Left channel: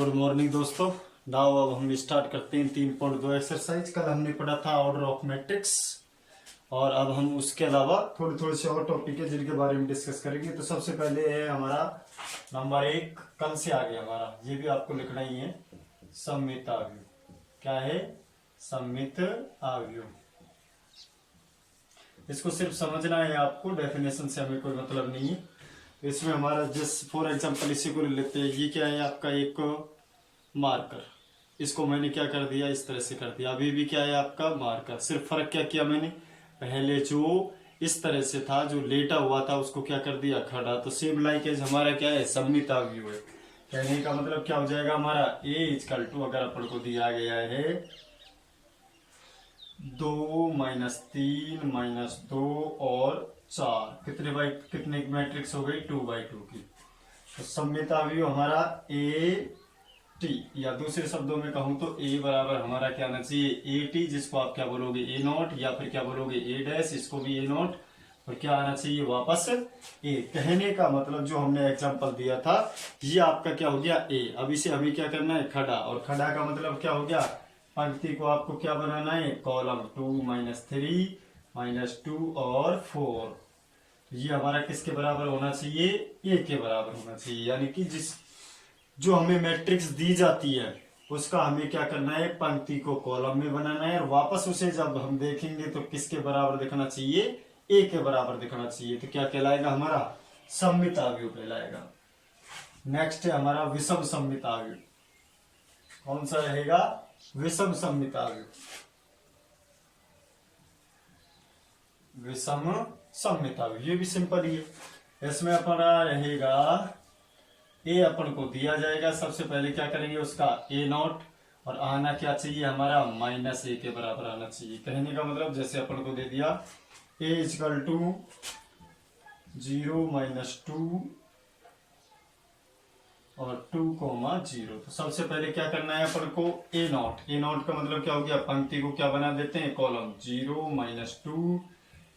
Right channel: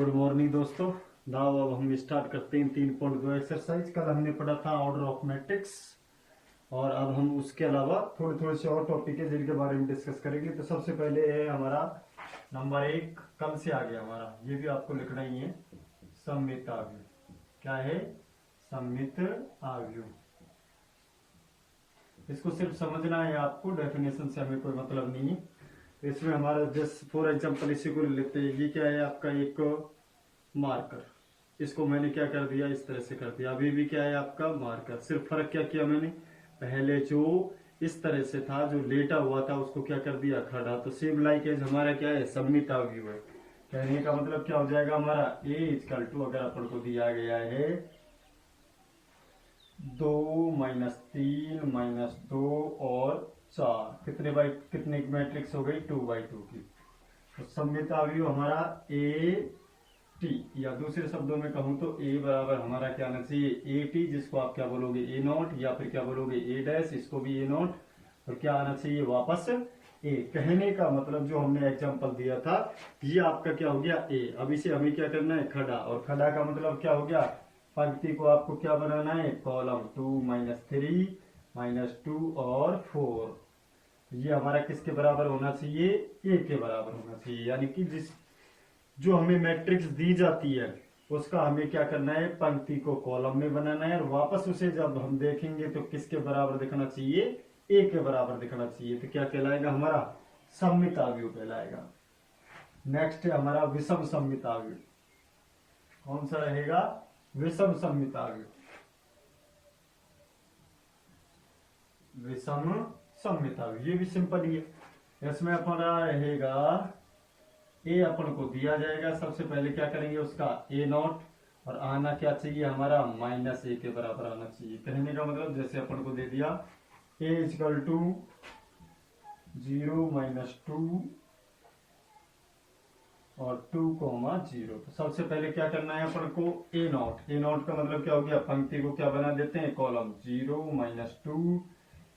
Good morning दोस्तों। Now अब हम स्टार्ट करते हैं 3.2 एक्सरसाइज। कल हमने पढ़ा था ऑर्डर ऑफ मैट्रिक्स और अब हम उसके अलावा थोड़े से और टॉपिक है जिनके बारे में डिस्कस करेंगे। तो सबसे पहले है हमारा नंबर 1, कल से आ गया हमारा, ये भी आपको लिखना ही है, सममित आव्यूह। क्या है? सममित आव्यूह। इसको सिर्फ समझना है आपको, डेफिनेशन से हमें कोई मतलब नहीं है। इसमें हमारा जस्ट फॉर एग्जांपल इसी को लेते हैं। ये क्या है? आपका एक मार्कर। इसको मैंने क्या कर दिया, इस तरह से कर दिया। अभी भी क्या है? आपका मार्कर। सिर्फ फर्क क्या किया मैंने, पहले जो इस तरह से था, जो लेटा हुआ था, उसको क्या कर दिया, खड़ा। तो सेम लाइक एज हमारा क्या है, सममित आव्यूह है। कहने का मतलब क्या हो जाएगा हमारा, a इक्वल टू, अगर अपन को दिया गया है 2 - 3 - 2 और 4, कितने बाई कितने मैट्रिक्स हो गई, 2/2 की। तो सममित आव्यूह हमारा ए टी, या दूसरे शब्दों में कहूं तो ए बराबर हमारा क्या आना चाहिए, ए टी, जिसको आप क्या बोलोगे, ए नॉट, या फिर क्या बोलोगे, ए डैश, इसको भी ए नॉट, और क्या आना चाहिए वापस ए। कहने का मतलब जो हमने एग्जांपल दिया था, ये आपका क्या हो गया, ए। अब इसे हमें क्या करना है, खड़ा। और खड़ा का मतलब क्या हो गया, पंक्ति को आपको क्या बनाना है, कॉलम। 2 - 3 - 2 और 4, ये हमारा किसके बराबर होना चाहिए, ए के बराबर होना चाहिए। यानी कि जिस जो हमें मैट्रिक्स दी जाती है उसका हमें क्या करना है, पंक्ति को कॉलम में बनाना है, और वापस उसे जब हम देखेंगे तो किसके बराबर दिखना चाहिए, ए के बराबर दिखना चाहिए। तो क्या कहलाएगा हमारा, सममित आव्यूह कहलाएगा। नेक्स्ट है हमारा विषम सममित आव्यूह। कौन सा रहेगा, विषम सममित आव्यूह। विषम सममित आव्यूह, ये भी सिंपल ही है। इसमें अपना रहेगा ए, अपन को दिया जाएगा, सबसे पहले क्या करेंगे, उसका ए नॉट, और आना क्या चाहिए हमारा, -a के बराबर आना चाहिए। कहने का मतलब जैसे अपन को दे दिया a इक्वल टू 0 - 2 और 2, 0। तो सबसे पहले क्या करना है अपन को, ए नॉट। ए नॉट का मतलब क्या हो गया, पंक्ति को क्या बना देते हैं, कॉलम। 0 - 2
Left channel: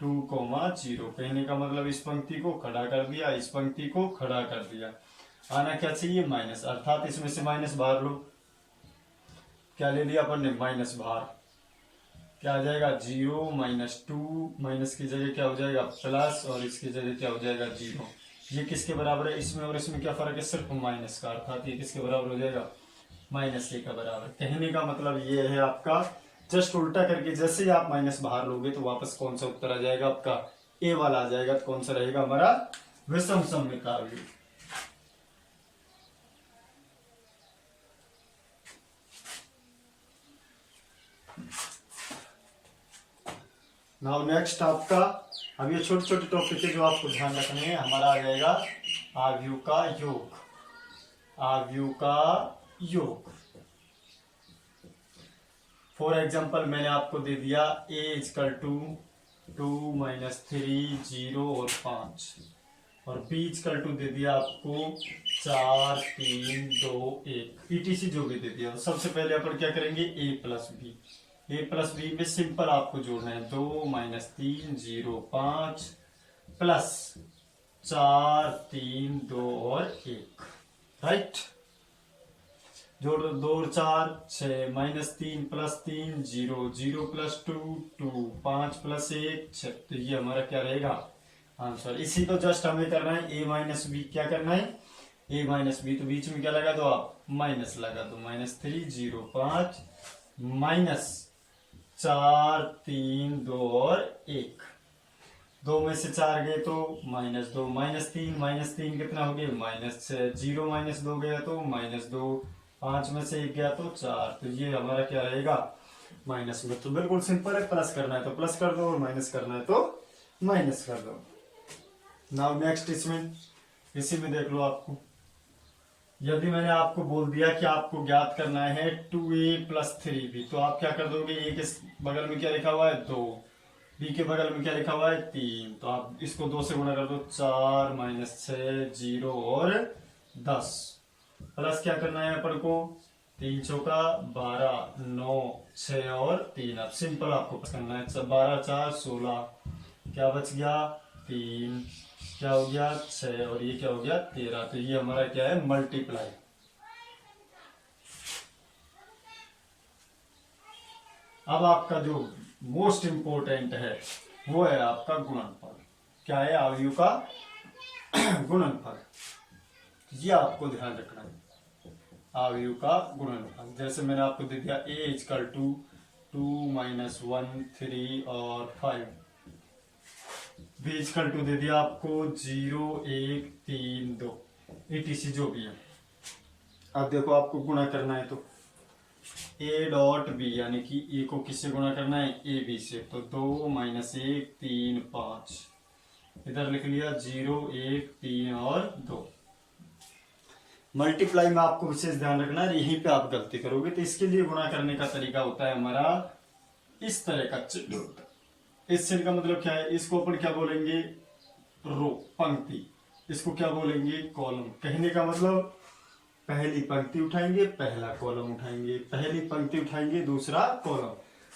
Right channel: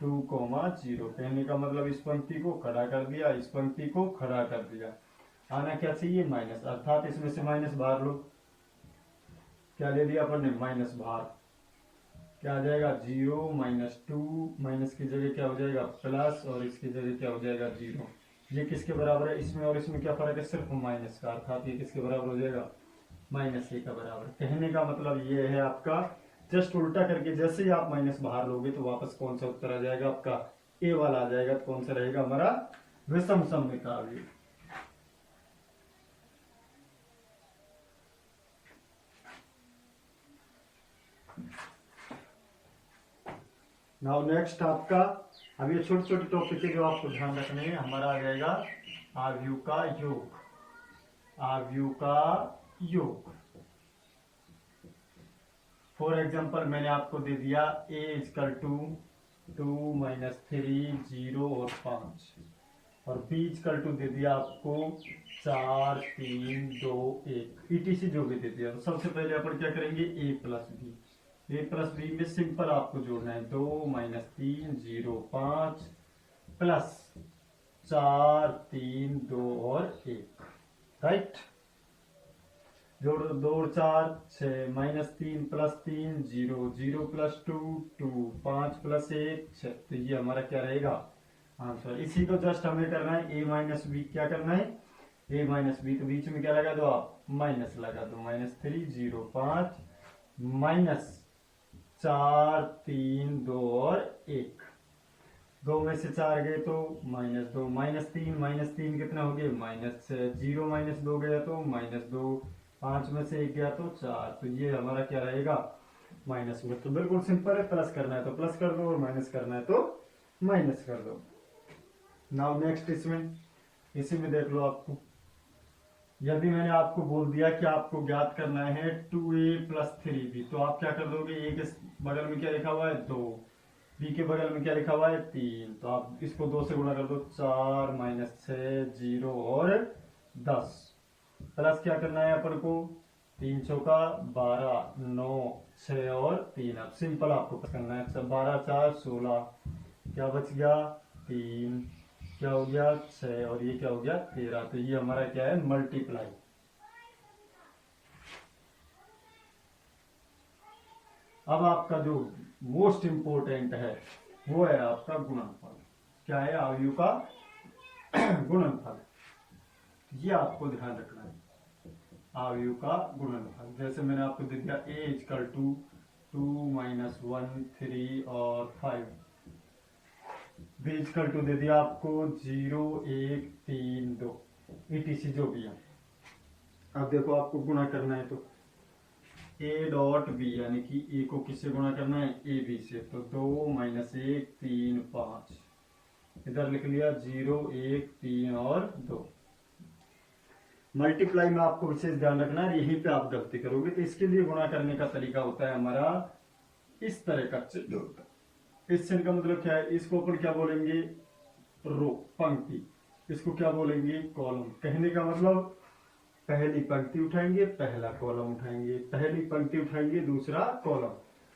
2, 0। कहने का मतलब इस पंक्ति को खड़ा कर दिया, इस पंक्ति को खड़ा कर दिया। आना क्या चाहिए, माइनस, अर्थात इसमें से माइनस बाहर लो। क्या ले लिया अपन ने, माइनस बाहर। क्या आ जाएगा, 0 - 2, माइनस की जगह क्या हो जाएगा, प्लस, और इसकी जगह क्या हो जाएगा, 0। ये किसके बराबर है, इसमें और इसमें क्या फर्क है, सिर्फ माइनस का, अर्थात ये किसके बराबर हो जाएगा, -a का बराबर। कहने का मतलब ये है आपका, जस्ट उल्टा करके जैसे ही आप माइनस बाहर लोगे तो वापस कौन सा उत्तर आ जाएगा आपका, ए वाला आ जाएगा। तो कौन सा रहेगा हमारा, विषम सममित आव्यूह। नाउ नेक्स्ट आपका, अब ये छोटे छोटे टॉपिक है जो आपको ध्यान रखने हैं। हमारा आ जाएगा आव्यूह का योग। आव्यूह का योग, फॉर एग्जांपल मैंने आपको दे दिया a इक्वल टू 2 - 3 0 और 5, और b इक्वल टू दे दिया आपको 4 3 2 1, ईटीसी जो भी दे दिया। सबसे पहले अपन क्या करेंगे, a प्लस बी में सिंपल आपको जोड़ना है। 2 - 3 0 5 प्लस 4 3 2 और 1, राइट। जोड़ 2 और 4 6, -3 + 3 0 0 + 2 2 5 + 1 6। तो ये हमारा क्या रहेगा आंसर। इसी को जस्ट हमें करना है, a - b। क्या करना है, a - b, तो बीच में क्या लगा दो आप, माइनस लगा दो। -3 0 5 -4 3 2 और 1। 2 में से 4 गए तो -2, -3 कितना हो गया, -6। 0 - 2 गया तो -2, 5 में से 1 गया तो 4। तो ये हमारा क्या रहेगा, माइनस में। तो बिल्कुल सिंपल है, प्लस करना है तो प्लस कर दो और माइनस करना है तो माइनस कर दो। नाउ नेक्स्ट, इसमें इसी में देख लो आपको, यदि मैंने आपको बोल दिया कि आपको ज्ञात करना है 2a + 3b, तो आप क्या कर दोगे, a के बगल में क्या लिखा हुआ है, 2, b के बगल में क्या लिखा हुआ है, 3। तो आप इसको 2 से गुणा कर दो, 4 - 6 0 और 10, प्लस क्या करना है अपन को, 3 चौका 12 9 6 और 3। अब सिंपल आपको करना है, 12 4 16, क्या बच गया, 3, क्या हो गया 6, और ये क्या हो गया 13। तो ये हमारा क्या है, मल्टीप्लाई। अब आपका जो मोस्ट इम्पोर्टेंट है वो है आपका गुणनफल। क्या है? अवयव का गुणनफल। ये आपको ध्यान रखना है, अवयव का गुणनफल। जैसे मैंने आपको दे दिया a इजकल टू 2 माइनस 1 3 और 5, b इजकल टू दे दिया आपको 0 1 3 2 etc जो भी है। अब देखो आपको गुणा करना है तो a डॉट b यानी कि a को किससे गुणा करना है? a b से। तो 2 माइनस 1 3 5, इधर लिख लिया 0 1 3 और 2। मल्टीप्लाई में आपको विशेष ध्यान रखना है, यहीं पे आप गलती करोगे। तो इसके लिए गुणा करने का तरीका होता है हमारा इस तरह का चिन्ह होता है। इस चिन्ह का मतलब क्या है? इसको अपन क्या बोलेंगे? रो, पंक्ति। इसको क्या बोलेंगे? कॉलम। कहने का मतलब पहली पंक्ति उठाएंगे, पहला कॉलम उठाएंगे, पहली पंक्ति उठाएंगे, दूसरा कॉलम।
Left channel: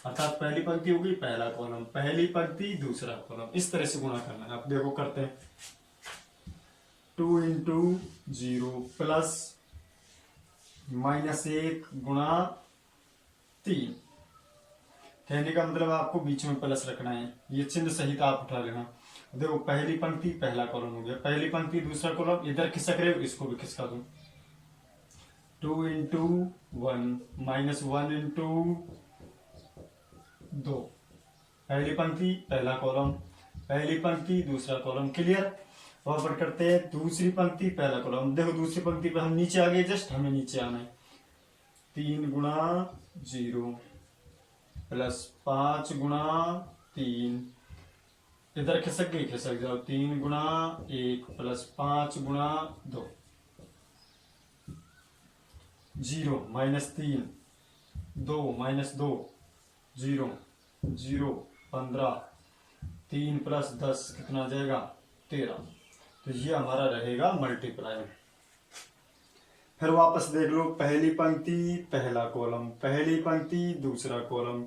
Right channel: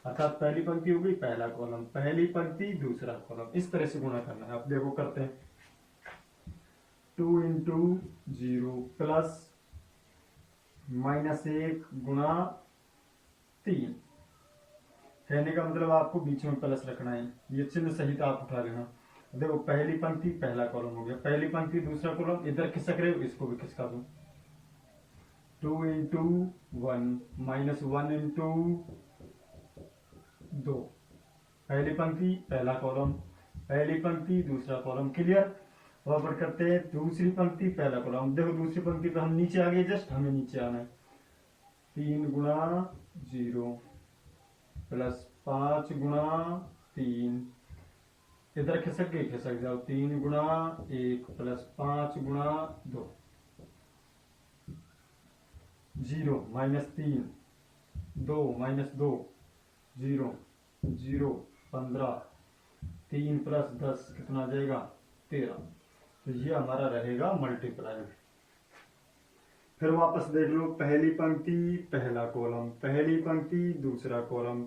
अर्थात पहली पंक्ति होगी, पहला कॉलम, पहली पंक्ति, दूसरा कॉलम। इस तरह से गुणा करना है। आप देखो करते हैं। 2 इंटू 0 प्लस -1 गुणा 3। कहने का मतलब आपको बीच में प्लस रखना है। ये चिन्ह सहित आप उठा लेना। देखो पहली पंक्ति पहला कॉलम हो गया, पहली पंक्ति दूसरा कॉलम, इधर खिसक रहे हो, इसको भी खिसका दो। 2 इंटू 1 माइनस 1 इंटू 2, पहली पंक्ति पहला कॉलम, पहली पंक्ति दूसरा कॉलम। क्लियर? वहां पर करते हैं दूसरी पंक्ति पहला कॉलम। देखो दूसरी पंक्ति पर हम नीचे आ गए, जस्ट हमें नीचे आना है। 3 गुणा 0 प्लस 5 गुणा 3, इधर खिसक गए, खिसक जाओ। 3 गुणा 1 प्लस 5 गुणा 2, 0 माइनस 3 2 माइनस 2 0 0 15, 3 प्लस 10 कितना आ जाएगा? 13। तो ये हमारा रहेगा मल्टीप्लाई। फिर वापस देख लो, पहली पंक्ति पहला कॉलम, पहली पंक्ति दूसरा कॉलम,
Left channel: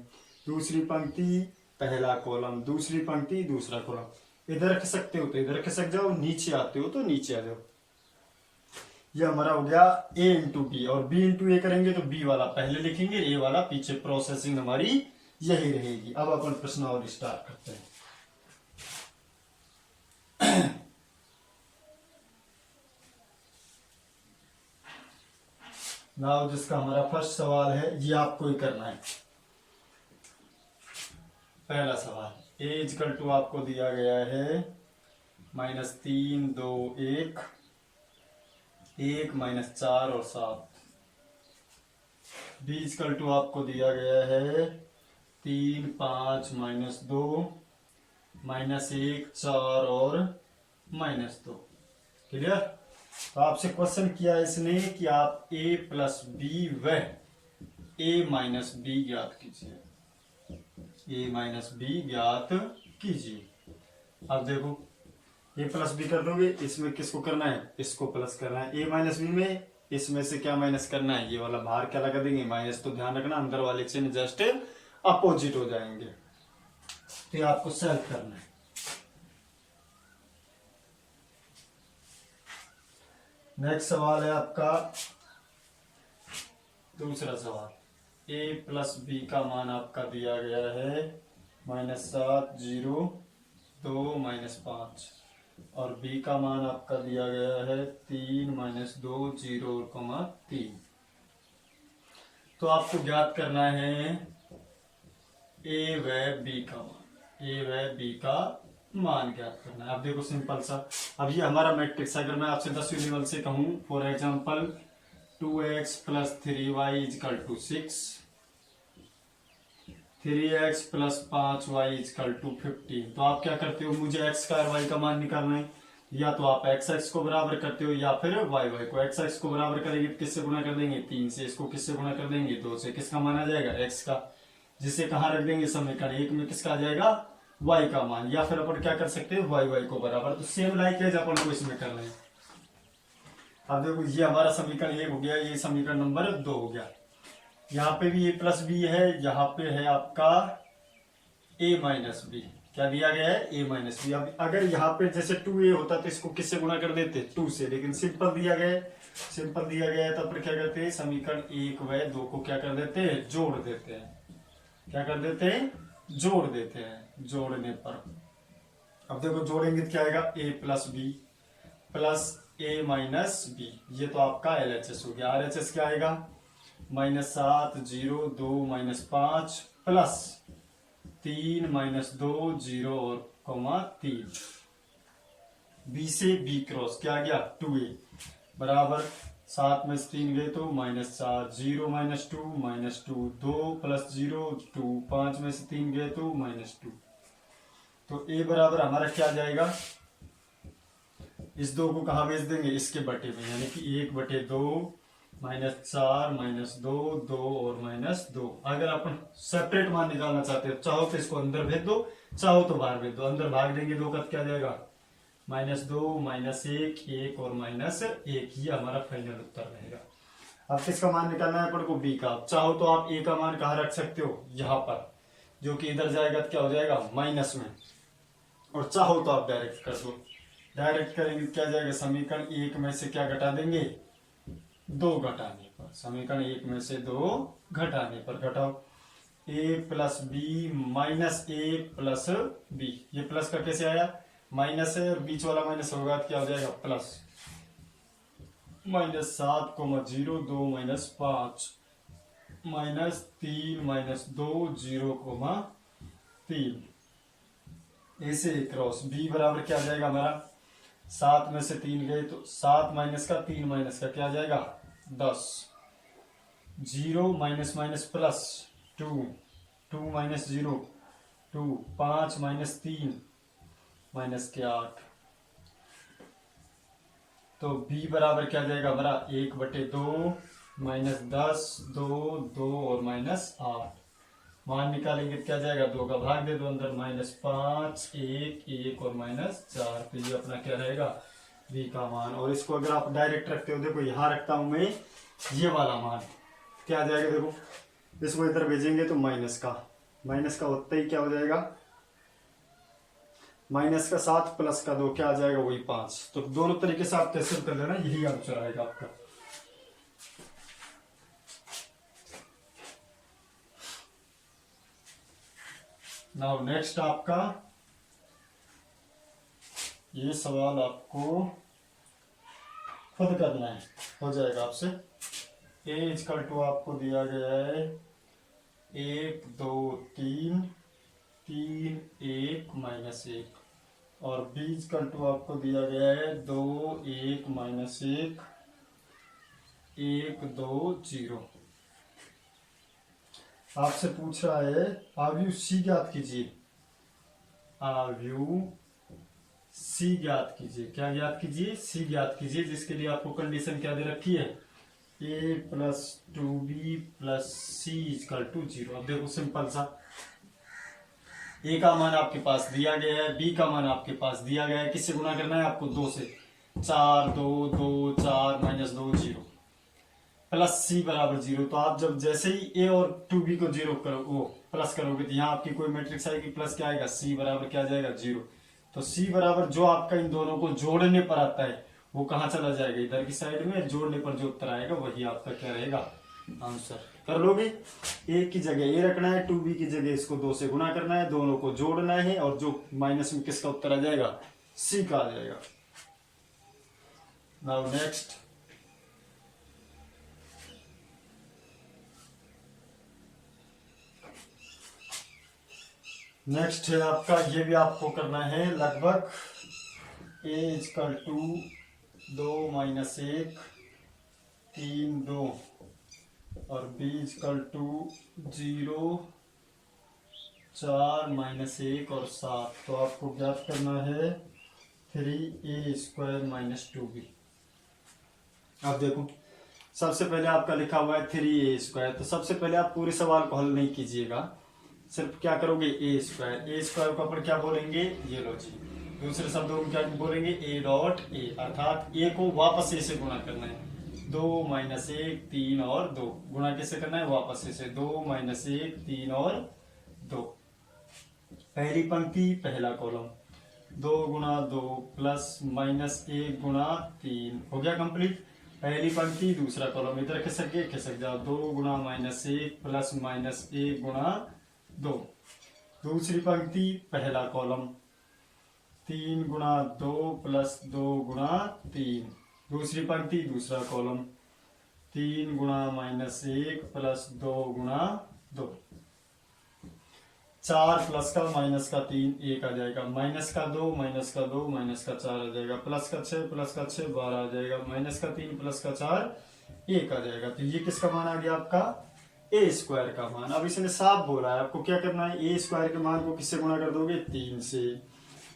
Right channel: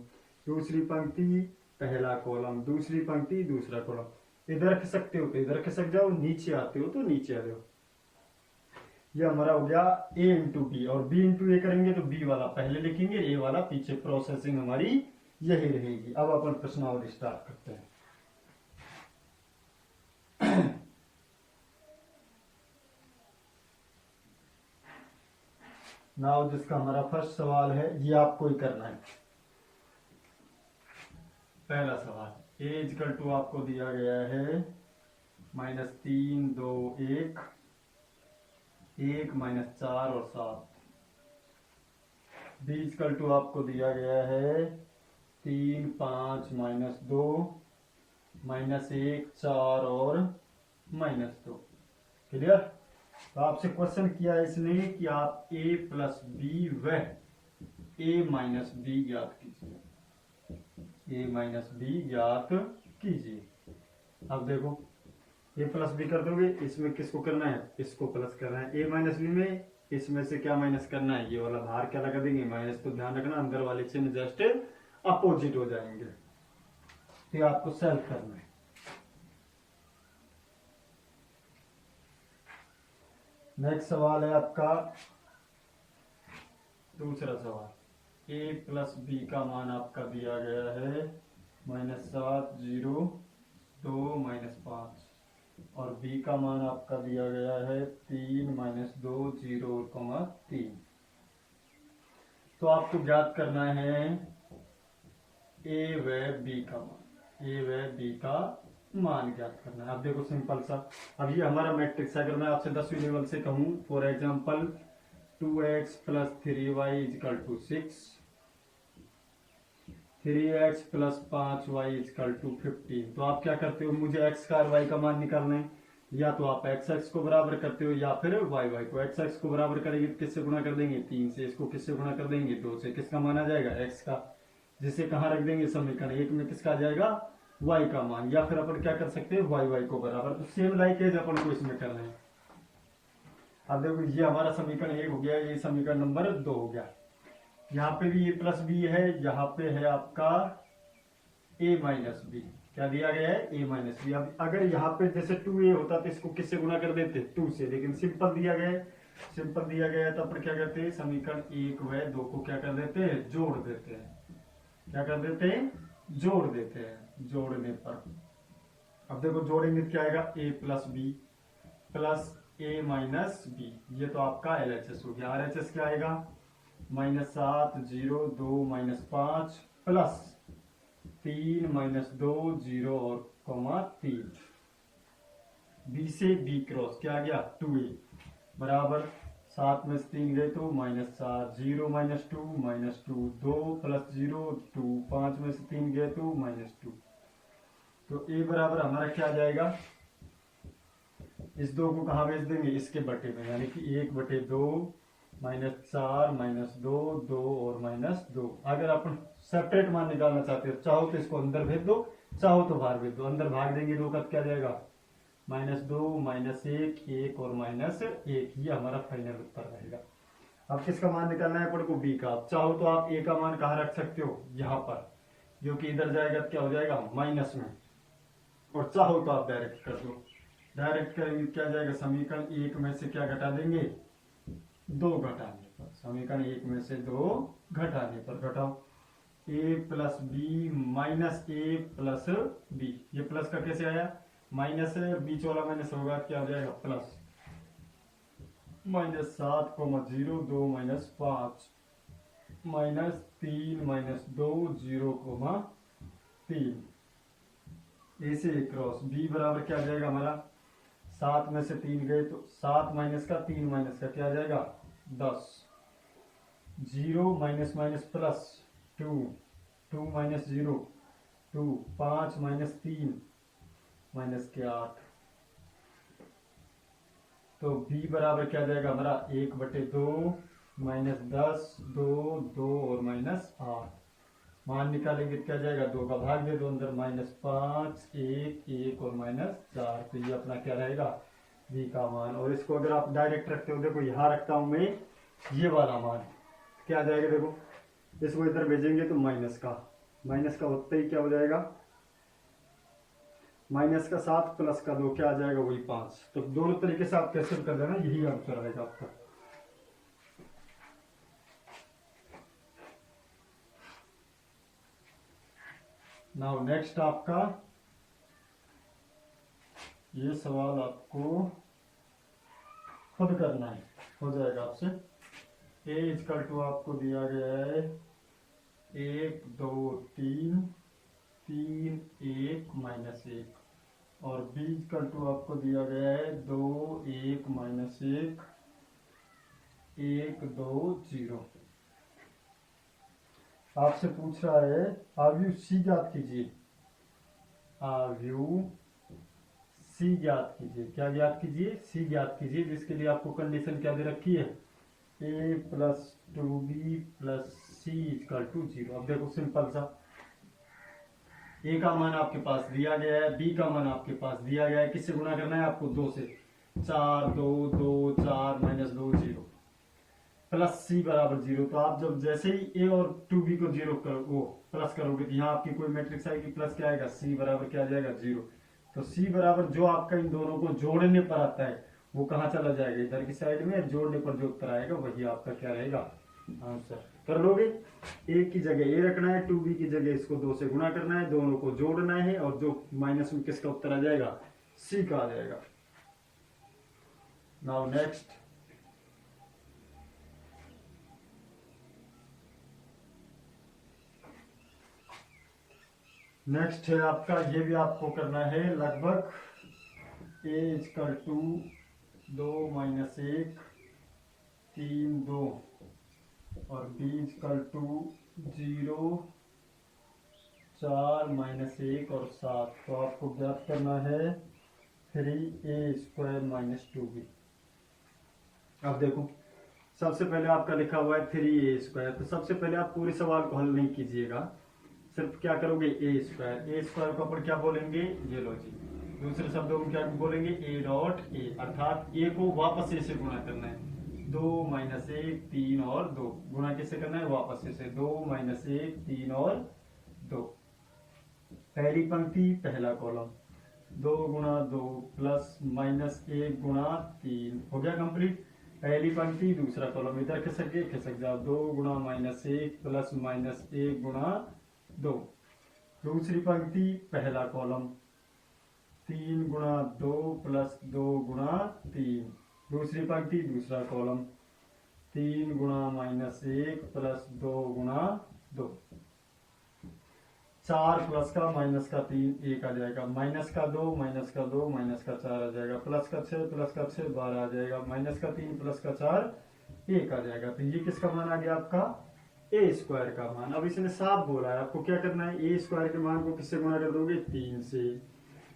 दूसरी पंक्ति पहला कॉलम, दूसरी पंक्ति दूसरा कॉलम। इधर खिसकते हो तो इधर खिसक जाओ, नीचे आते हो तो नीचे आ जाओ। ये हमारा हो गया a इंटू बी, और b इंटू ए करेंगे तो b वाला पहले लिखेंगे, a वाला पीछे। प्रोसेसिंग हमारी यही रहेगी। अब अपन प्रश्न और स्टार्ट करते हैं। नाउ जिसका हमारा फर्स्ट सवाल है, ये आपको ही करना है। पहला सवाल, a इजकल टू आपको दिया गया है -3 2 1 1 -4 और 7। b इजकल टू आपको दिया गया है 3 5 -2 -1 4 और -2। क्लियर? तो आपसे क्वेश्चन किया इसने कि आप a प्लस बी व a माइनस बी ज्ञात कीजिए, a माइनस बी ज्ञात कीजिए। अब देखो a प्लस बी कर दोगे, इसमें किसको करना है? इसको प्लस करना है। a माइनस बी में इसमें से क्या माइनस करना है? ये वाला बाहर क्या लगा देंगे? माइनस। तो ध्यान रखना अंदर वाले चिन्ह जस्ट अपोजिट हो जाएंगे। तो ये आपको सॉल्व करना है। नेक्स्ट सवाल है आपका दूसरा सवाल। a प्लस बी का मान आपका दिया गया है -7 0 2 -5, और b का मान आपका दिया गया है 3 -2 0 और 3। तो आपको ज्ञात करना है a व b का मान, a व b का मान ज्ञात करना है। अब देखो सिंपल सा, अब ये हमारा मैट्रिक्स है। अगर मैं आपसे 10वीं लेवल से कहूं for example 2x plus 3y is equal to 6, 3x plus 5y is equal to 15। तो आप क्या करते हो? मुझे x का और y का मान निकालना है। या तो आप x को बराबर करते हो या फिर y को। x को बराबर करेंगे तो किससे गुणा कर देंगे? 3 से। इसको किससे गुणा कर देंगे? 2 से। किसका मान आ जाएगा? x का। जिसे कहाँ रख देंगे? समीकरण 1 में किसका आ जाएगा? y का मान। या फिर अपन क्या कर सकते हैं? y को बराबर। तो सेम लाइक है अपन को इसमें करना है। अब देखो ये हमारा समीकरण 1 हो गया, ये समीकरण नंबर 2 हो गया। यहाँ पे भी a प्लस बी है, यहाँ पे है आपका a माइनस बी। क्या दिया गया है? a minus b. अब अगर यहाँ पे जैसे 2a होता तो इसको किससे गुणा कर देते? 2 से। लेकिन सिंपल दिया गया है, सिंपल दिया गया है तो फिर क्या करते हैं? समीकरण 1 व 2 को क्या कर देते हैं? जोड़ देते हैं। क्या कर देते हैं, जोड़ देते हैं। जोड़ने पर अब देखो जोड़ेंगे तो क्या आएगा, a plus b plus a minus b, ये तो आपका LHS हो गया। RHS क्या आएगा, -7 0 2 -5 प्लस 3 -2 0 और कोमा 3, बी से बी क्रॉस क्या आ गया 2a बराबर 7 में से 3 गए तो -4 0 -2 2 प्लस 0 2, 5 में से 3 गए तो -2। तो a बराबर हमारा क्या आ जाएगा, इस 2 को कहाँ भेज देंगे, इसके बटे में, यानी कि 1/2 -4 -2 2 और -2। अगर अपन सेपरेट मान निकालना चाहते हो, चाहो तो इसको अंदर भेज दो, चाहो तो बाहर भेज दो। अंदर भाग देंगे 2 का क्या जाएगा, -2 -1 1 और -1, ये हमारा फाइनल उत्तर रहेगा। अब किसका मान निकालना है अपन को, बी का। आप चाहो तो आप ए का मान कहाँ रख सकते हो, यहाँ पर, जो कि इधर जाएगा तो क्या हो जाएगा माइनस में, और चाहो तो आप डायरेक्ट कर दो। डायरेक्ट करेंगे क्या जाएगा, समीकरण 1 में से क्या घटा देंगे, 2 घटाने पर, समीकरण 1 में से 2 घटाने पर, घटाओ a plus b minus a plus b, ये प्लस का कैसे आया, माइनस है और बीच वाला माइनस होगा तो क्या हो जाएगा प्लस, -7 0 2 -5 -3 -2 0 3, ऐसे क्रॉस बी बराबर क्या आ जाएगा हमारा, 7 में से 3 गए तो 7 माइनस का 3 माइनस का क्या आ जाएगा 10, 0 minus minus plus 2 2 minus 0 2, 5 minus 3 minus के 8। तो b बराबर क्या आ जाएगा हमारा 1/2 -10 2 2 और -8। मान निकालेंगे क्या जाएगा, 2 का भाग दे दो अंदर, -5 1 1 और -4। तो ये अपना क्या रहेगा, v का मान। और इसको अगर आप डायरेक्ट रखते हो, देखो यहाँ रखता हूं मैं ये वाला मान, क्या आ जाएगा, देखो इसको इधर भेजेंगे तो माइनस का होते ही क्या हो जाएगा, -7 प्लस का 2 क्या आ जाएगा, वही 5। तो दोनों तरीके से आप कैसे कर लेना, यही आंसर आएगा आपका। नाउ नेक्स्ट आपका ये सवाल आपको खुद करना है, हो जाएगा आपसे। a = आपको दिया गया है 1 2 3 3 1 -1, और b = आपको दिया गया है 2 1 -1 1 2 0। आपसे पूछ रहा है आव्यूह c ज्ञात कीजिए, आव्यूह c ज्ञात कीजिए। क्या ज्ञात कीजिए, c ज्ञात कीजिए, जिसके लिए आपको कंडीशन क्या दे रखी है, a + 2b + c = 0। अब देखो सिंपल सा, a का मान आपके पास दिया गया है, b का मान आपके पास दिया गया है, किससे गुना करना है आपको, 2 से, 4 2 2 4 -2 0 प्लस c बराबर 0। तो आप जब जैसे ही a और 2b को 0 करो, वो प्लस करोगे तो यहाँ आपकी कोई मैट्रिक्स आएगी, प्लस क्या आएगा, c बराबर क्या आ जाएगा 0। तो c बराबर जो आपका इन दोनों को जोड़ने पर आता है वो कहाँ चला जाएगा, इधर की साइड में, जोड़ने पर जो उत्तर आएगा वही आपका क्या रहेगा आंसर। कर लोगे, a की जगह a रखना है, 2b की जगह इसको 2 से गुना करना है, दोनों को जोड़ना है, और जो माइनस में किसका उत्तर आ जाएगा, c का आ जाएगा। नाउ नेक्स्ट, नेक्स्ट है आपका, ये भी आपको करना है लगभग, a = 2 - 1 3 2, और b = 0 4 -1 और 7। तो आपको ज्ञात करना है 3a² - 2b। अब देखो सबसे पहले आपका लिखा हुआ है 3a², तो सबसे पहले आप पूरे सवाल को हल नहीं कीजिएगा, सिर्फ क्या करोगे, a² को अपन क्या बोलेंगे, ये लो जी, दूसरे शब्दों में क्या बोलेंगे, a.a, अर्थात a को वापस a से गुणा करना है, 2 - 1 3 और 2, गुणा कैसे करना है, वापस a से, 2 - 1 3 और 2, पहली पंक्ति पहला कॉलम, 2 × 2 प्लस -1 × 3, हो गया कंप्लीट। पहली पंक्ति दूसरा कॉलम, इधर खिसक जाओ, 2 × -1 प्लस -1 × 2। दूसरी पंक्ति पहला कॉलम 3 गुणा 2 प्लस 2 गुणा 3। दूसरी पंक्ति दूसरा कॉलम 3 गुणा -1 प्लस 2 गुणा 2। 4 प्लस का माइनस का 3 1 आ जाएगा, माइनस का 2 माइनस का 2 माइनस का 4 आ जाएगा, प्लस का 6 प्लस का 6 12 आ जाएगा, माइनस का 3 प्लस का 4 1 आ जाएगा। तो ये किसका मान आ गया आपका ए स्क्वायर का मान। अब इसने साफ बोला है आपको क्या करना है, ए स्क्वायर के मान को किससे गुणा कर दोगे 3 से,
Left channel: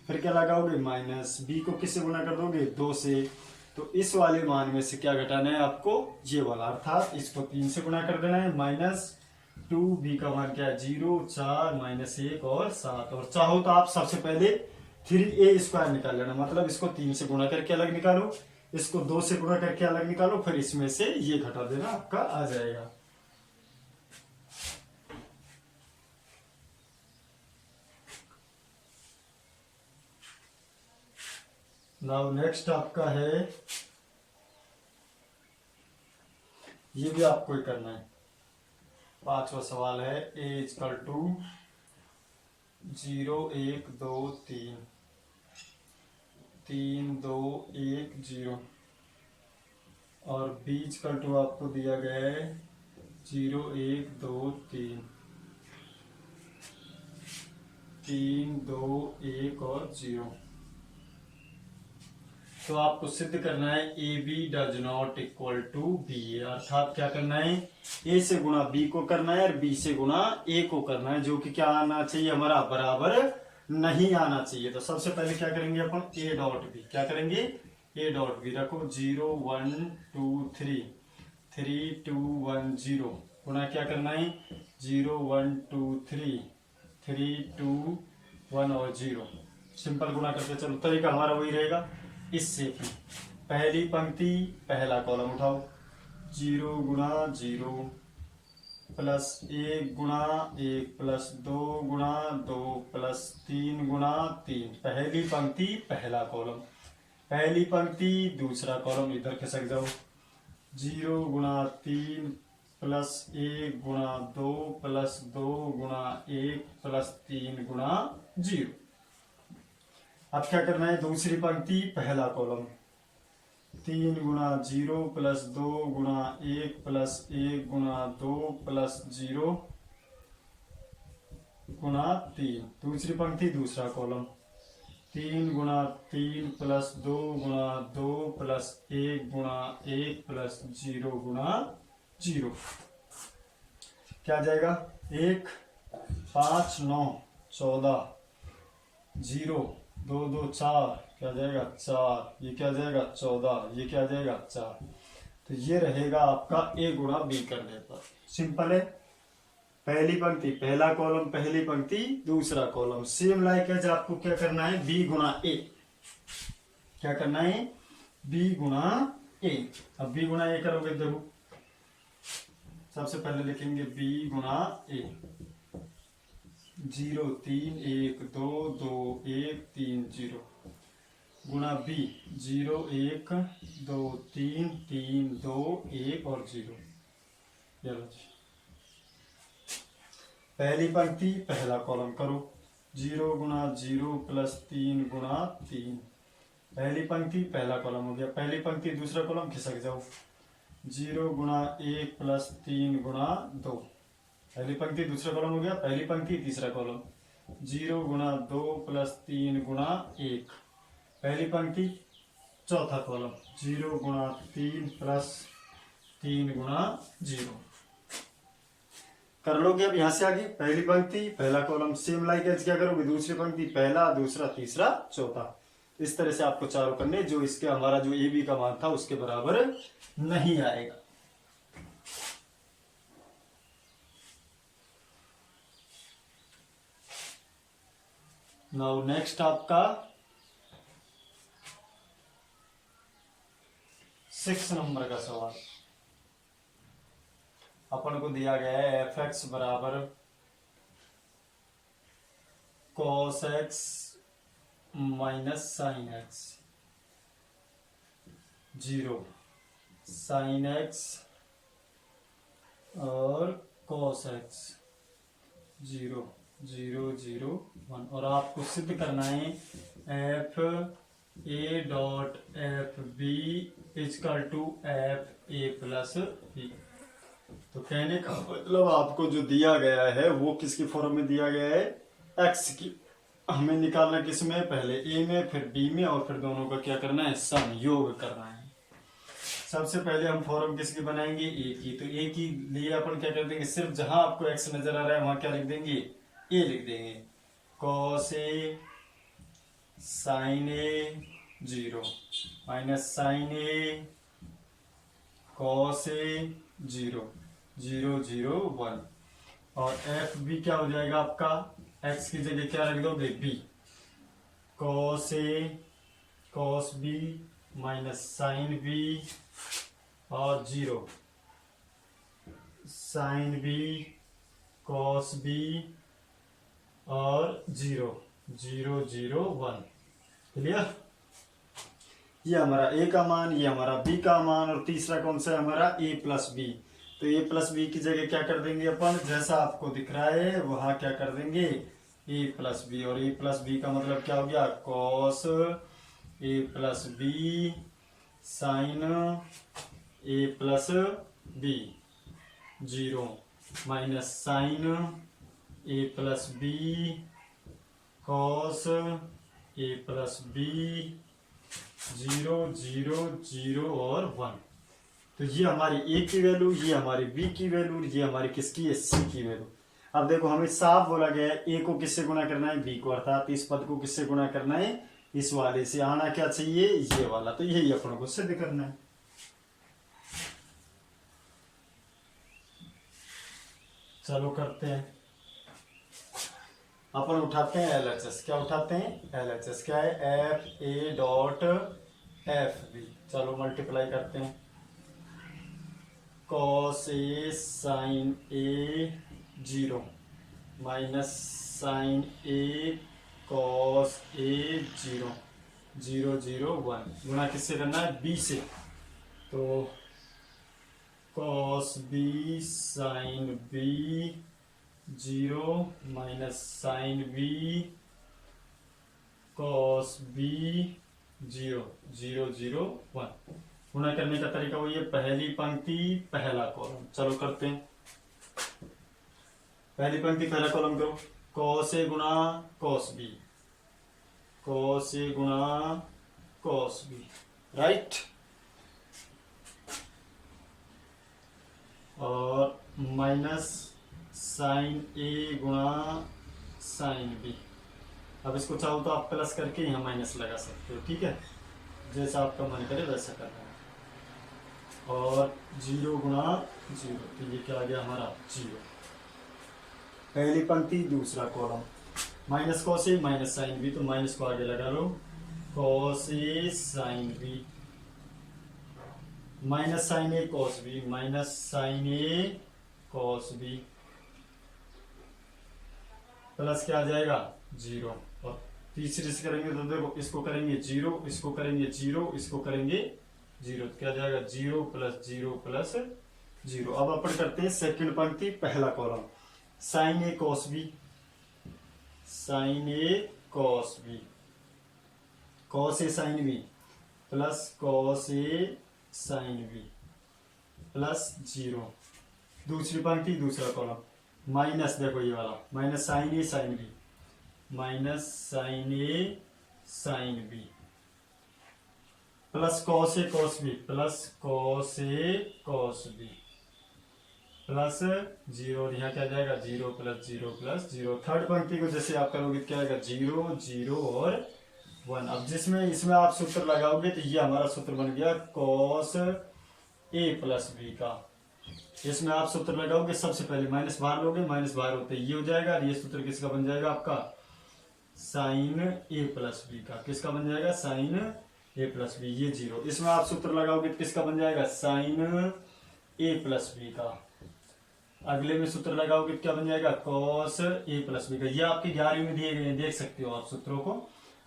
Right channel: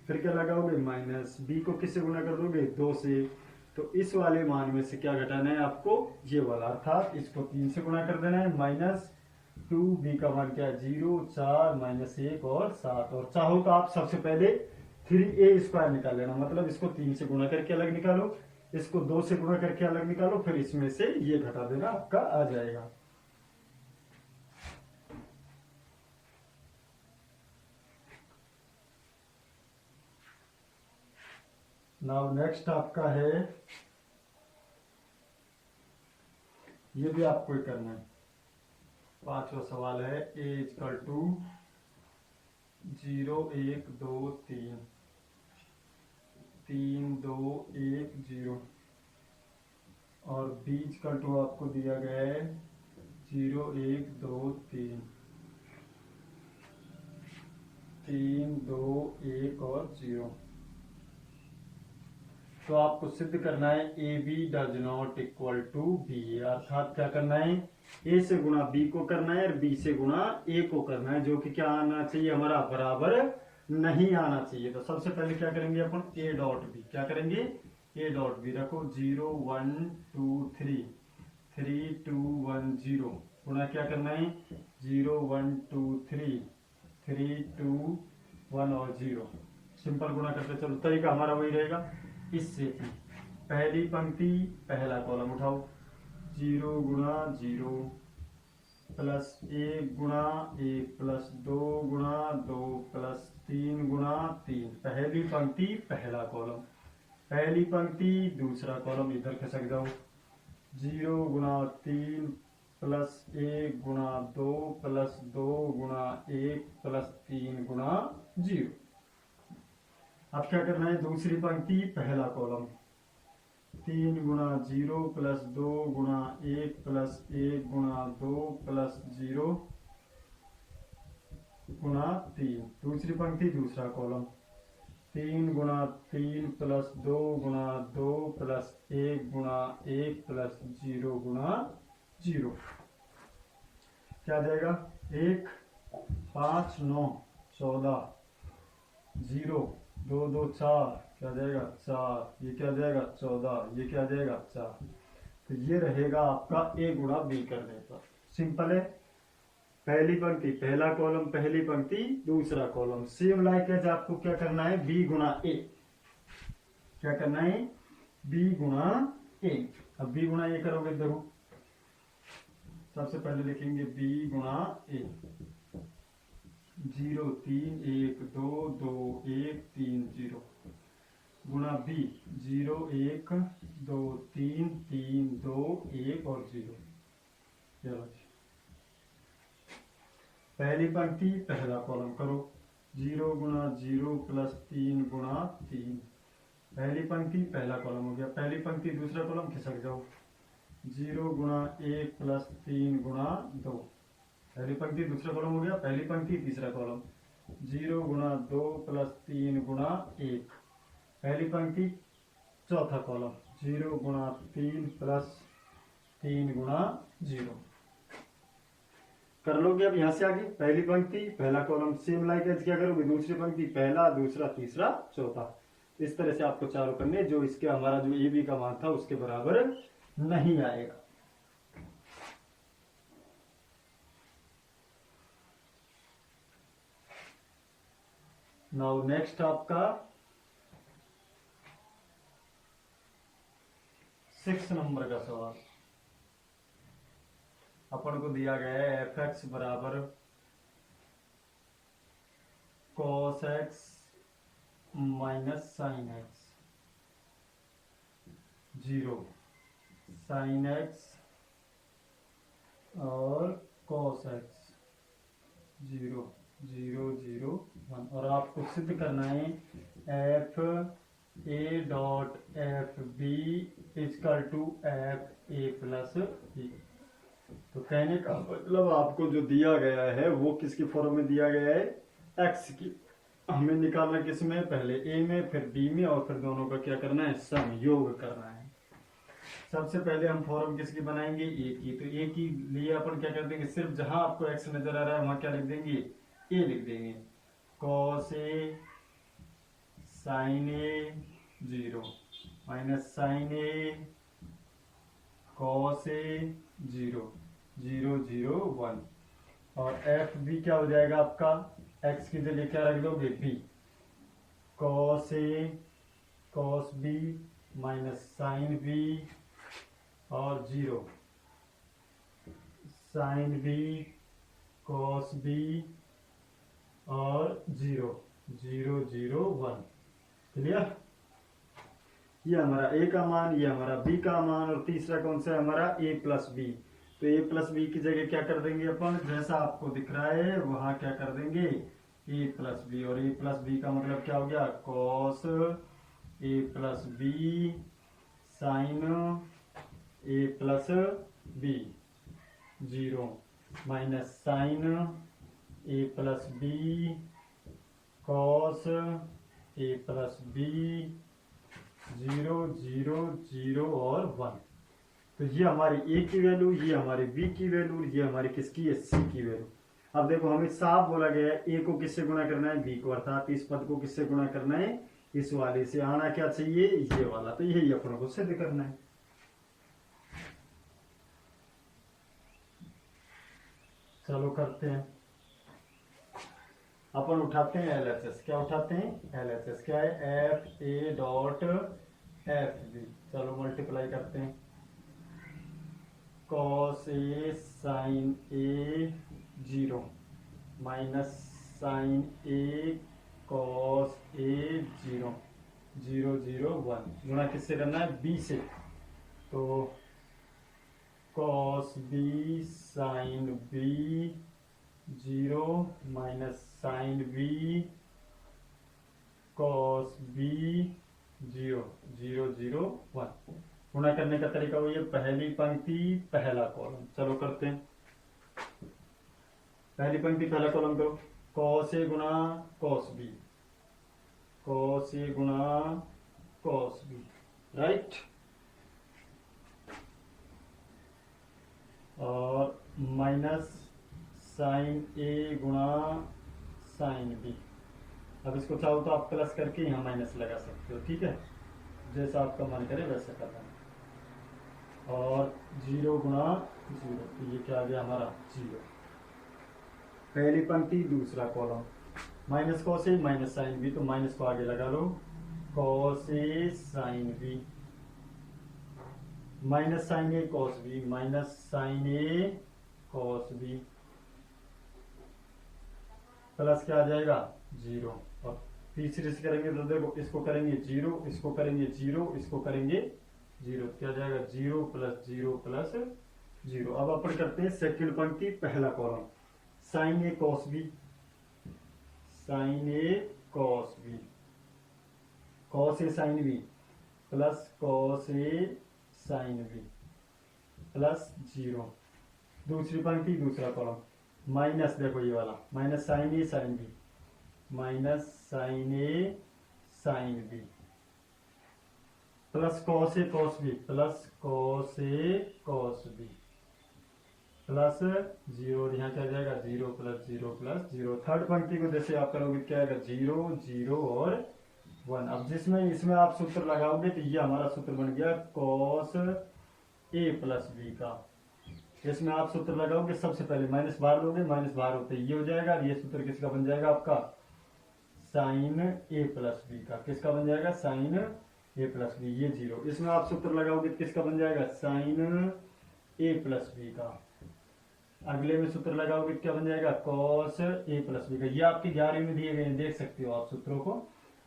फिर क्या लगाओगे माइनस, बी को किससे गुणा कर दोगे 2 से। तो इस वाले मान में से क्या घटाना है आपको, ये वाला, अर्थात इसको 3 से गुणा कर देना है, -2, बी का मान क्या है 0, 4 -1 और 7। और चाहो तो आप सबसे पहले 3a स्क्वायर निकाल लेना, मतलब इसको 3 से गुणा करके अलग निकालो, इसको 2 से गुणा करके अलग निकालो, फिर इसमें से ये घटा देना, आपका आ जाएगा। नाउ नेक्स्ट आपका है, ये भी आपको ही करना है। 5वां सवाल है a = 0 1 2 3 3 2 1 0 और b = आपको दिया गया है 0 1 2 3 3 2 1 और 0। तो आपको सिद्ध करना है ए B does not equal to B A, अर्थात क्या करना है, ए से गुणा बी को करना है और बी से गुणा ए को करना है, जो कि क्या आना चाहिए हमारा बराबर नहीं आना चाहिए। तो सबसे पहले क्या करेंगे अपन, ए डॉट बी, क्या करेंगे ए डॉट बी, रखो 0 1 2 3 3 2 1 0 गुणा क्या करना है 0 1 2 3 3 2 1 और 0। सिंपल गुणा करते चलो, तरीका हमारा वही रहेगा। इससे पहली पंक्ति पहला कॉलम उठाओ, 0 गुणा 0 प्लस 1 गुणा 1 प्लस 2 गुणा 2 प्लस 3 गुणा 3। पहली पंक्ति पहला कॉलम, पहली पंक्ति दूसरा कॉलम, इधर खिसक जाओ, 0 गुणा 3 प्लस 1 गुणा 2 प्लस 2 गुणा 1 प्लस 3 गुणा 0। अब क्या करना है, दूसरी पंक्ति पहला कॉलम, 3 गुणा 0 प्लस 2 गुणा 1 प्लस 1 गुणा 2 प्लस 0 गुणा 3। दूसरी पंक्ति दूसरा कॉलम, 3 गुणा 3 प्लस 2 गुणा 2 प्लस 1 गुणा 1 प्लस 0 गुणा 0। क्या जाएगा 1 5 9 14 0 2 2 4, क्या जाएगा 4, ये क्या जाएगा 14, ये क्या जाएगा 4। तो ये रहेगा आपका ए गुणा बी करने पर। सिंपल है, पहली पंक्ति पहला कॉलम, पहली पंक्ति दूसरा कॉलम। सेम लाइक एज आपको क्या करना है बी गुणा ए, क्या करना है बी गुणा ए। अब बी गुणा ए करोगे, देखो सबसे पहले लिखेंगे बी गुणा ए, 0 3 1 2 2 1 3 0 गुणा बी 0 1 2 3 3 2 1 और 0। चलो पहली पंक्ति पहला कॉलम करो, 0 गुणा 0 प्लस 3 गुणा 3। पहली पंक्ति पहला कॉलम हो गया, पहली पंक्ति दूसरा कॉलम खिसक जाओ, 0 गुणा 1 प्लस 3 गुणा 2। पहली पंक्ति दूसरा कॉलम हो गया, पहली पंक्ति तीसरा कॉलम, 0 गुणा 2 प्लस 3 गुणा 1। पहली पंक्ति चौथा कॉलम, 0 गुणा 3 प्लस 3 गुणा 0। कर लोगे अब यहां से आगे, पहली पंक्ति पहला कॉलम, सेम लाइक एज क्या करोगे, दूसरी पंक्ति पहला दूसरा तीसरा चौथा। इस तरह से आपको चारों करने, जो इसके हमारा जो ए बी का मान था उसके बराबर नहीं आएगा। नाउ नेक्स्ट आपका 6 नंबर का सवाल। अपन को दिया गया है एफ एक्स बराबर cos x minus sine x, 0 sine x और कॉस एक्स 0 0 0 1 और आपको सिद्ध करना है f a dot f b is equal to f a plus b. तो कहने का मतलब आपको जो दिया गया है वो किसकी फॉर्म में दिया गया है, एक्स की। हमें निकालना किस में, पहले ए में फिर बी में और फिर दोनों का क्या करना है, सम योग करना है। सबसे पहले हम फॉर्म किसकी बनाएंगे, ए की। तो ए की लिए अपन क्या कर देंगे, सिर्फ जहां आपको एक्स नजर आ रहा है वहां क्या लिख देंगे, ए लिख देंगे। Cos a sine a 0 minus sine a cos a 0 0 0 1 और एफ बी क्या हो जाएगा आपका, एक्स की जगह क्या रख दोगे, B. Cos A cos B minus sine B और 0 साइन बी कॉस बी और 0 0 0 1। क्लियर। ये हमारा ए का मान, ये हमारा बी का मान और तीसरा कौन सा है हमारा, ए प्लस बी। तो ए प्लस बी की जगह क्या कर देंगे अपन, जैसा आपको दिख रहा है वहां क्या कर देंगे, ए प्लस बी। और ए प्लस बी का मतलब क्या हो गया, cos A plus B sign A plus B 0 minus sine A plus B cos A plus B 0 0 0 और 1। तो ये हमारी ए की वैल्यू, ये हमारी बी की वैल्यू, ये हमारी किसकी है, सी की वैल्यू। अब देखो हमें साफ बोला गया है ए को किससे गुणा करना है, बी को, अर्थात इस पद को किससे गुणा करना है, इस वाले से। आना क्या चाहिए, ये वाला। तो यही अपनों को सिद्ध करना है। चलो करते हैं। अपन उठाते हैं LHS। क्या उठाते हैं, LHS क्या है, f a dot f b. चलो मल्टीप्लाई करते हैं। Cos a sine a 0 minus sine a cos a 0 0 0 1 गुणा किससे करना है, बी से। तो cos b sine b 0 minus sine b cos b 0 0 0 1। गुणा करने का तरीका वो ये, पहली पंक्ति पहला कॉलम। चलो करते हैं। पहली पंक्ति पहला कॉलम करो। कॉस ए गुणा कॉस बी, कॉस ए गुणा कॉस बी, राइट। और माइनस साइन ए गुणा साइन बी। अब इसको चाहो तो आप प्लस करके यहाँ माइनस लगा सकते हो, ठीक है, जैसा आपका मन करे वैसा करना। और 0 गुणा 0, तो ये क्या आ गया हमारा 0। पहली पंक्ति दूसरा column. Minus cos A minus sine B, तो माइनस को आगे लगा लो। Cos a sine B minus sine a cos B, minus sine a cos B plus क्या आ जाएगा 0। और तीसरे से करेंगे तो देखो, इसको करेंगे 0, इसको करेंगे 0, इसको करेंगे 0, तो क्या आ जाएगा 0 प्लस 0 प्लस 0। अब अपन करते हैं सेकंड पंक्ति पहला column. Sign a cos b, sign a cos B, cos a sine B plus cos a sine B plus 0। दूसरी पंक्ति दूसरा कॉलम। माइनस देखो ये वाला, minus sine A sine B, minus sine A sine B plus cos A cos B, plus cos A cos B plus 0। यहाँ क्या जाएगा 0 plus 0 plus 0। Third पंक्ति को जैसे आप करोगे क्या आएगा 0 0 और 1। अब जिसमें इसमें आप सूत्र लगाओगे तो ये हमारा सूत्र बन गया कॉस ए प्लस बी का। इसमें आप सूत्र लगाओगे, सबसे पहले माइनस बाहर लोगे, माइनस बाहर होते ये हो जाएगा। ये सूत्र किसका बन जाएगा आपका, साइन ए प्लस बी का। किसका बन जाएगा, साइन ए प्लस बी, ये 0। इसमें आप सूत्र लगाओगे तो किसका बन जाएगा, साइन ए प्लस बी का। अगले में सूत्र लगाओगे तो क्या बन जाएगा, कॉस ए प्लस बी का। ये आपके 11वीं में दिए गए हैं, देख सकते हो आप सूत्रों को।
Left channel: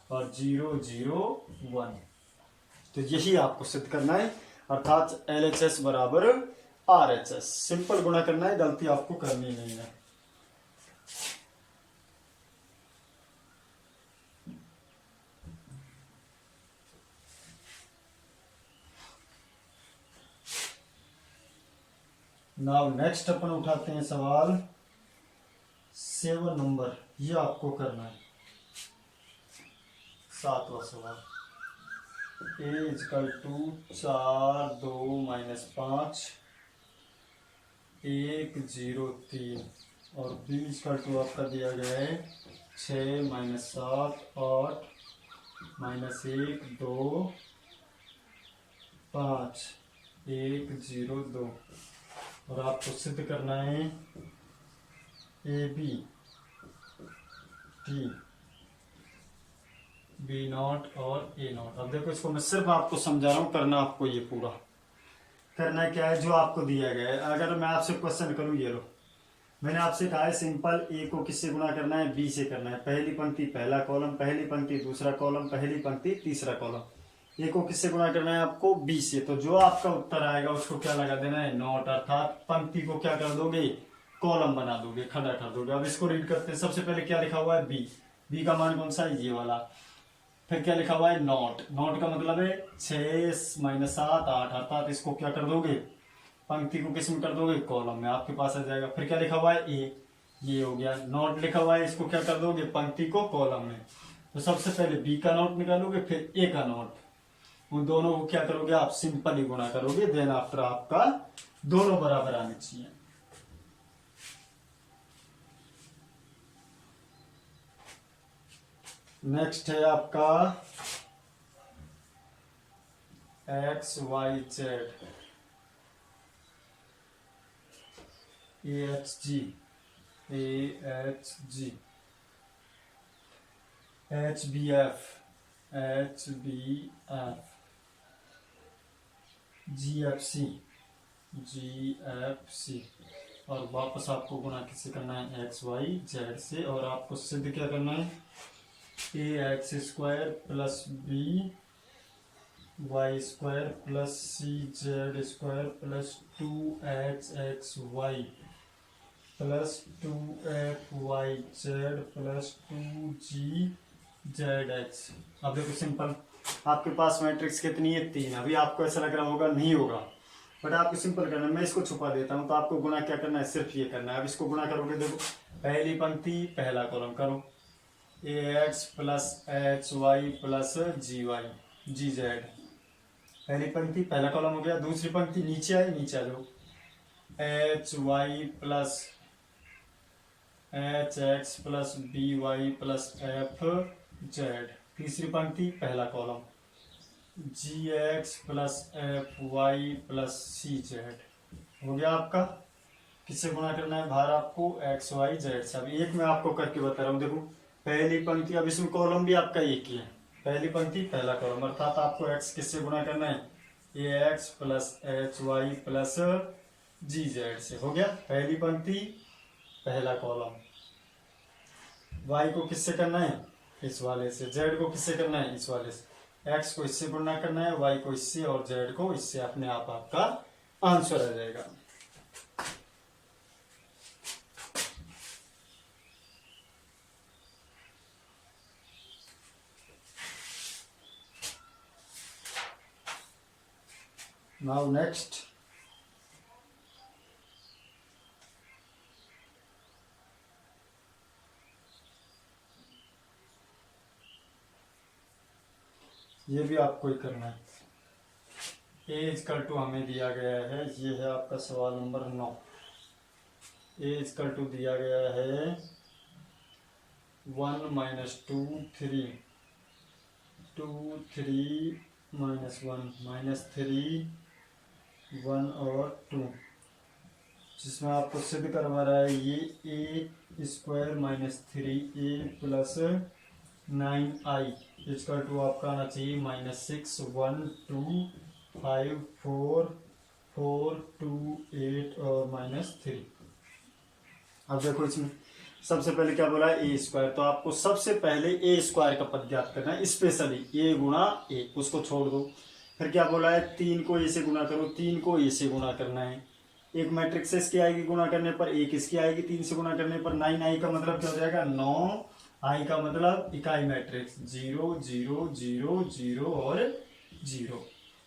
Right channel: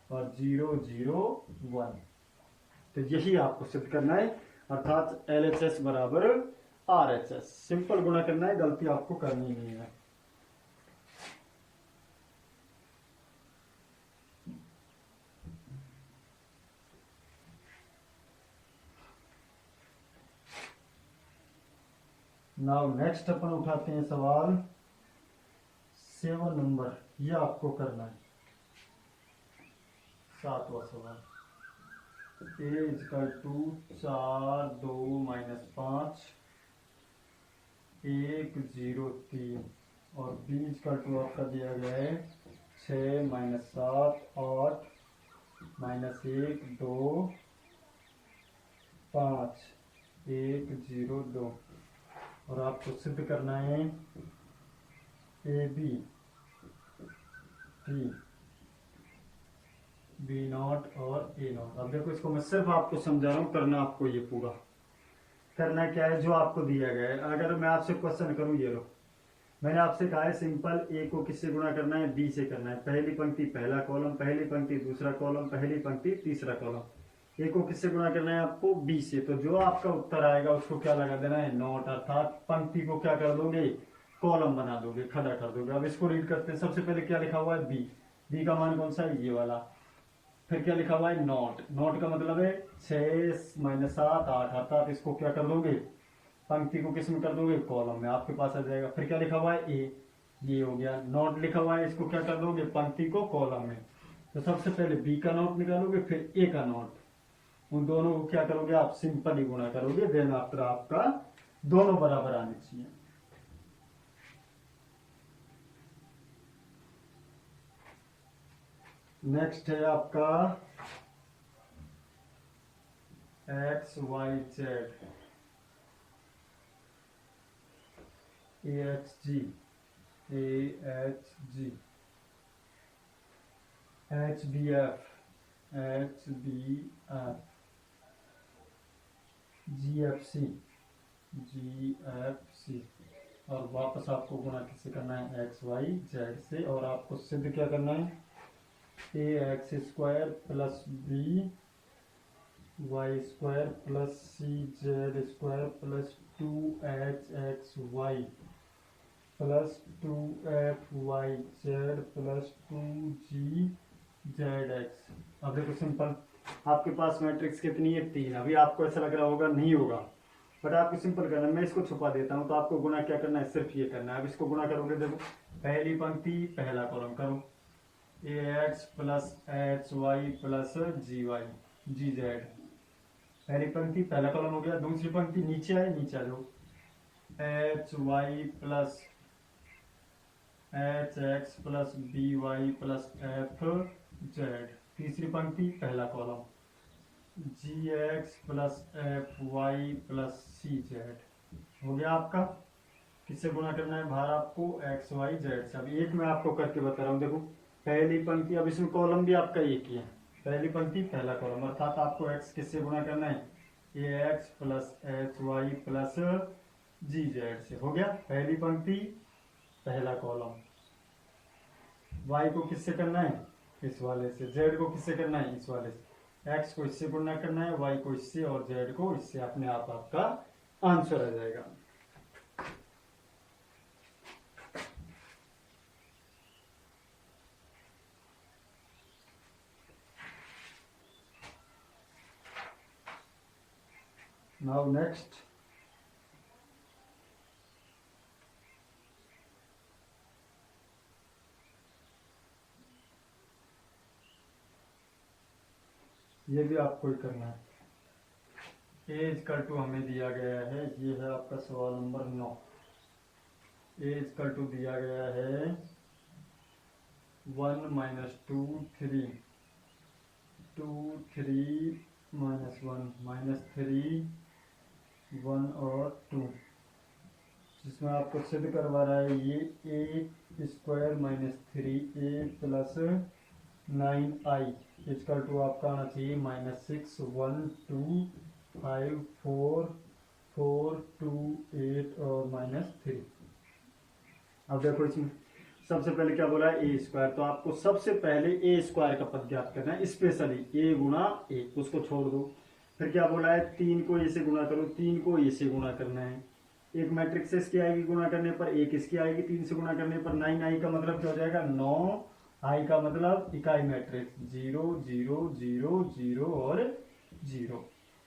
और 0 0 1, तो यही आपको सिद्ध करना है, अर्थात LHS बराबर RHS। सिंपल गुणा करना है, गलती आपको करनी नहीं है। नाउ नेक्स्ट अपन उठाते हैं सवाल 7 नंबर, ये आपको करना है 7वां सवाल। ए इजकल टू 4 2 -5 1 0 3 और बी इजकल टू आपका दिया गया है 6 -7 8 -1 2 5 1 0 2 और आपको सिद्ध करना है ए बी टी बी नॉट और ए नॉट। अब देखो इसको मैं सिर्फ आपको समझा रहा हूँ, करना आपको ये पूरा करना क्या है जो आपको दिया गया है। अगर मैं आपसे क्वेश्चन करूँ, ये लो मैंने आपसे कहा है सिंपल ए को किससे गुणा करना है, बी से करना है। पहली पंक्ति पहला कॉलम, पहली पंक्ति दूसरा कॉलम, पहली पंक्ति तीसरा कॉलम। ए को किससे गुणा करना है आपको, बी से। तो जो आपका उत्तर आएगा उसको क्या लगा देना है, नॉट, अर्थात पंक्ति को क्या कर दोगे, कॉलम बना दोगे, खड़ा कर दोगे। अब इसको रीड करते हैं। सबसे पहले क्या लिखा हुआ है, बी। बी का मान कौन सा है, ये वाला। फिर क्या लिखा हुआ है, नॉट। नॉट का मतलब है 6 -7 8, अर्थात इसको क्या कर दोगे, पंक्ति को किस में कर दोगे, कॉलम में, आपके पास आ जाएगा। फिर क्या लिखा हुआ है, ए, ये हो गया। नॉट लिखा हुआ है, इसको क्या कर दोगे, पंक्ति को कॉलम में। तो सबसे पहले बी का नॉट निकालोगे, फिर ए का नॉट। उन दोनों को क्या करोगे आप, सिंपल ही गुणा करोगे। देन आफ्टर आपका दोनों बराबर आने चाहिए। नेक्स्ट है आपका X Y Z, H G, H B F, G F C. और वापस आपको गुणा किससे करना है, एक्स वाई जेड से। और आपको सिद्ध क्या करना है, A X square plus B Y square plus C Z square plus 2h X Y plus 2f Y Z plus 2g Z X. अब देखो सिंपल, आपके पास मैट्रिक्स कितनी है, 3। अभी आपको ऐसा लग रहा होगा नहीं होगा, बट आपको सिंपल करना है। मैं इसको छुपा देता हूँ। तो आपको गुणा क्या करना है, सिर्फ ये करना है। अब इसको गुणा करोगे, देखो पहली पंक्ति पहला कॉलम करो, A X plus H Y plus G Y G Z. पहली पंक्ति पहला कॉलम हो गया। दूसरी पंक्ति नीचे आए, नीचे आ जाओ, H Y plus H X plus B Y plus F Z. तीसरी पंक्ति पहला column, G X plus F Y plus C Z. हो गया आपका। किससे गुणा करना है, बाहर आपको एक्स वाई जेड से। अब एक मैं आपको करके बता रहा हूँ, देखो पहली पंक्ति, अब इसमें कॉलम भी आपका एक ही है, पहली पंक्ति पहला कॉलम, अर्थात आपको एक्स किससे गुणा करना है, A X plus H Y plus G Z से। हो गया पहली पंक्ति पहला कॉलम। वाई को किससे करना है, इस वाले से। जेड को किससे करना है, इस वाले से। एक्स को इससे गुणा करना है, वाई को इससे, और जेड को इससे। अपने आप आपका आंसर आ जाएगा। Now next, ये भी आपको ही करना है। ए इजकल टू हमें दिया गया है, ये है आपका सवाल नंबर 9। ए इजकल टू दिया गया है 1 -2 3 2 3 -1 -3 1 और 2, जिसमें आपको सिद्ध करवा रहा है ये A square -3a plus 9i equal to आपका आना चाहिए -6 1 2 5 4 4 2 8 और -3। अब देखो इसमें सबसे पहले क्या बोला है, ए स्क्वायर। तो आपको सबसे पहले ए स्क्वायर का पद ज्ञात करना है, स्पेशली ए गुणा ए, उसको छोड़ दो। फिर क्या बोला है, 3 को ए से गुणा करो, 3 को ए से गुणा करना है। एक मैट्रिक्स इसकी आएगी गुणा करने पर, एक इसकी आएगी 3 से गुणा करने पर। 9 आई का मतलब क्या हो जाएगा, 9 आई का मतलब इकाई मैट्रिक्स 0 0 0 0 और 0।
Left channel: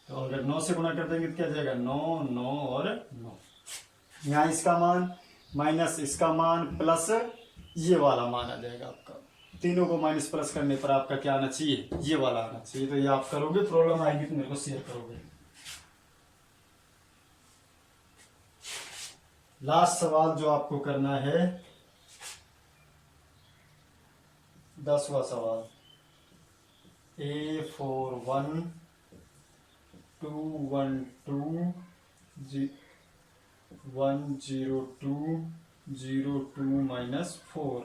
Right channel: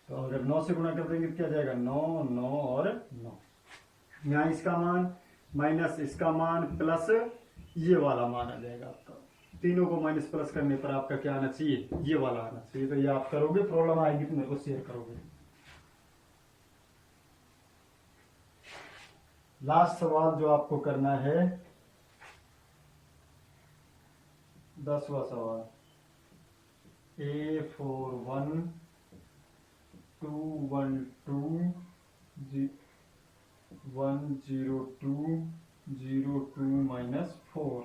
तो अगर 9 से गुणा कर देंगे तो क्या जाएगा, 9 9 और 9। यहाँ इसका मान माइनस इसका मान प्लस ये वाला मान आ जाएगा आपका। तीनों को माइनस प्लस करने पर आपका क्या आना चाहिए, ये वाला आना चाहिए। तो ये आप करोगे, प्रॉब्लम आएगी तो मेरे को शेयर करोगे। लास्ट सवाल जो आपको करना है, 10वां सवाल, A41210202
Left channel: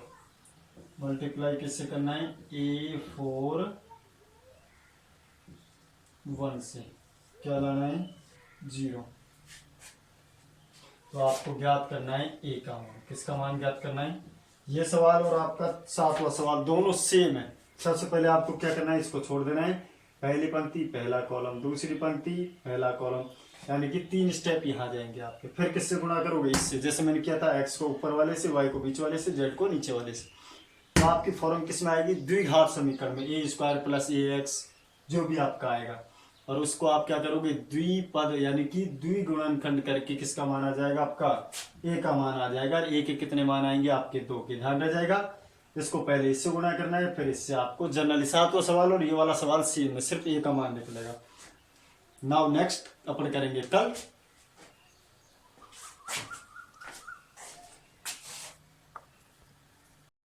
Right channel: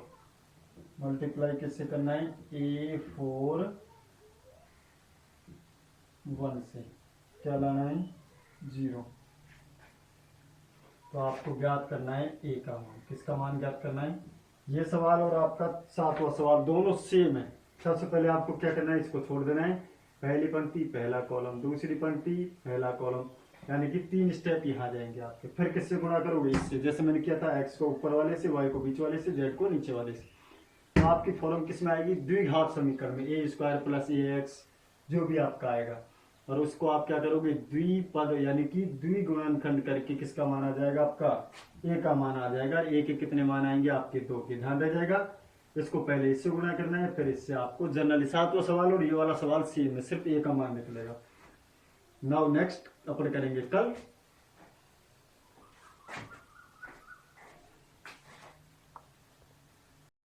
मल्टीप्लाई किससे करना है, A41 से क्या लाना है, 0। तो आपको ज्ञात करना है ए का मान। किसका मान ज्ञात करना है, ये सवाल और आपका 7वां सवाल दोनों सेम है। सबसे पहले आपको क्या करना है, इसको छोड़ देना है, पहली पंक्ति पहला कॉलम, दूसरी पंक्ति पहला कॉलम, यानी कि 3 स्टेप यहाँ जाएंगे आपके। फिर किससे गुणा करोगे, इससे, जैसे मैंने किया था, x को ऊपर वाले से, y को बीच वाले से, z को नीचे वाले से। तो आपकी फॉर्म किस में आएगी, द्विघात समीकरण में, a² + ax जो भी आपका आएगा, और उसको आप क्या करोगे, द्विपद यानी कि द्विगुणनखंड करके किसका मान आ जाएगा, आपका a का मान आ जाएगा। और a के कितने मान आएंगे, आपके 2 के, ध्यान रह जाएगा। इसको पहले इससे गुणा करना है, फिर इससे आपको जनरली 7वां सवाल और ये वाला सवाल सेम में, सिर्फ a का मान निकलेगा। नाउ नेक्स्ट अपन करेंगे कल।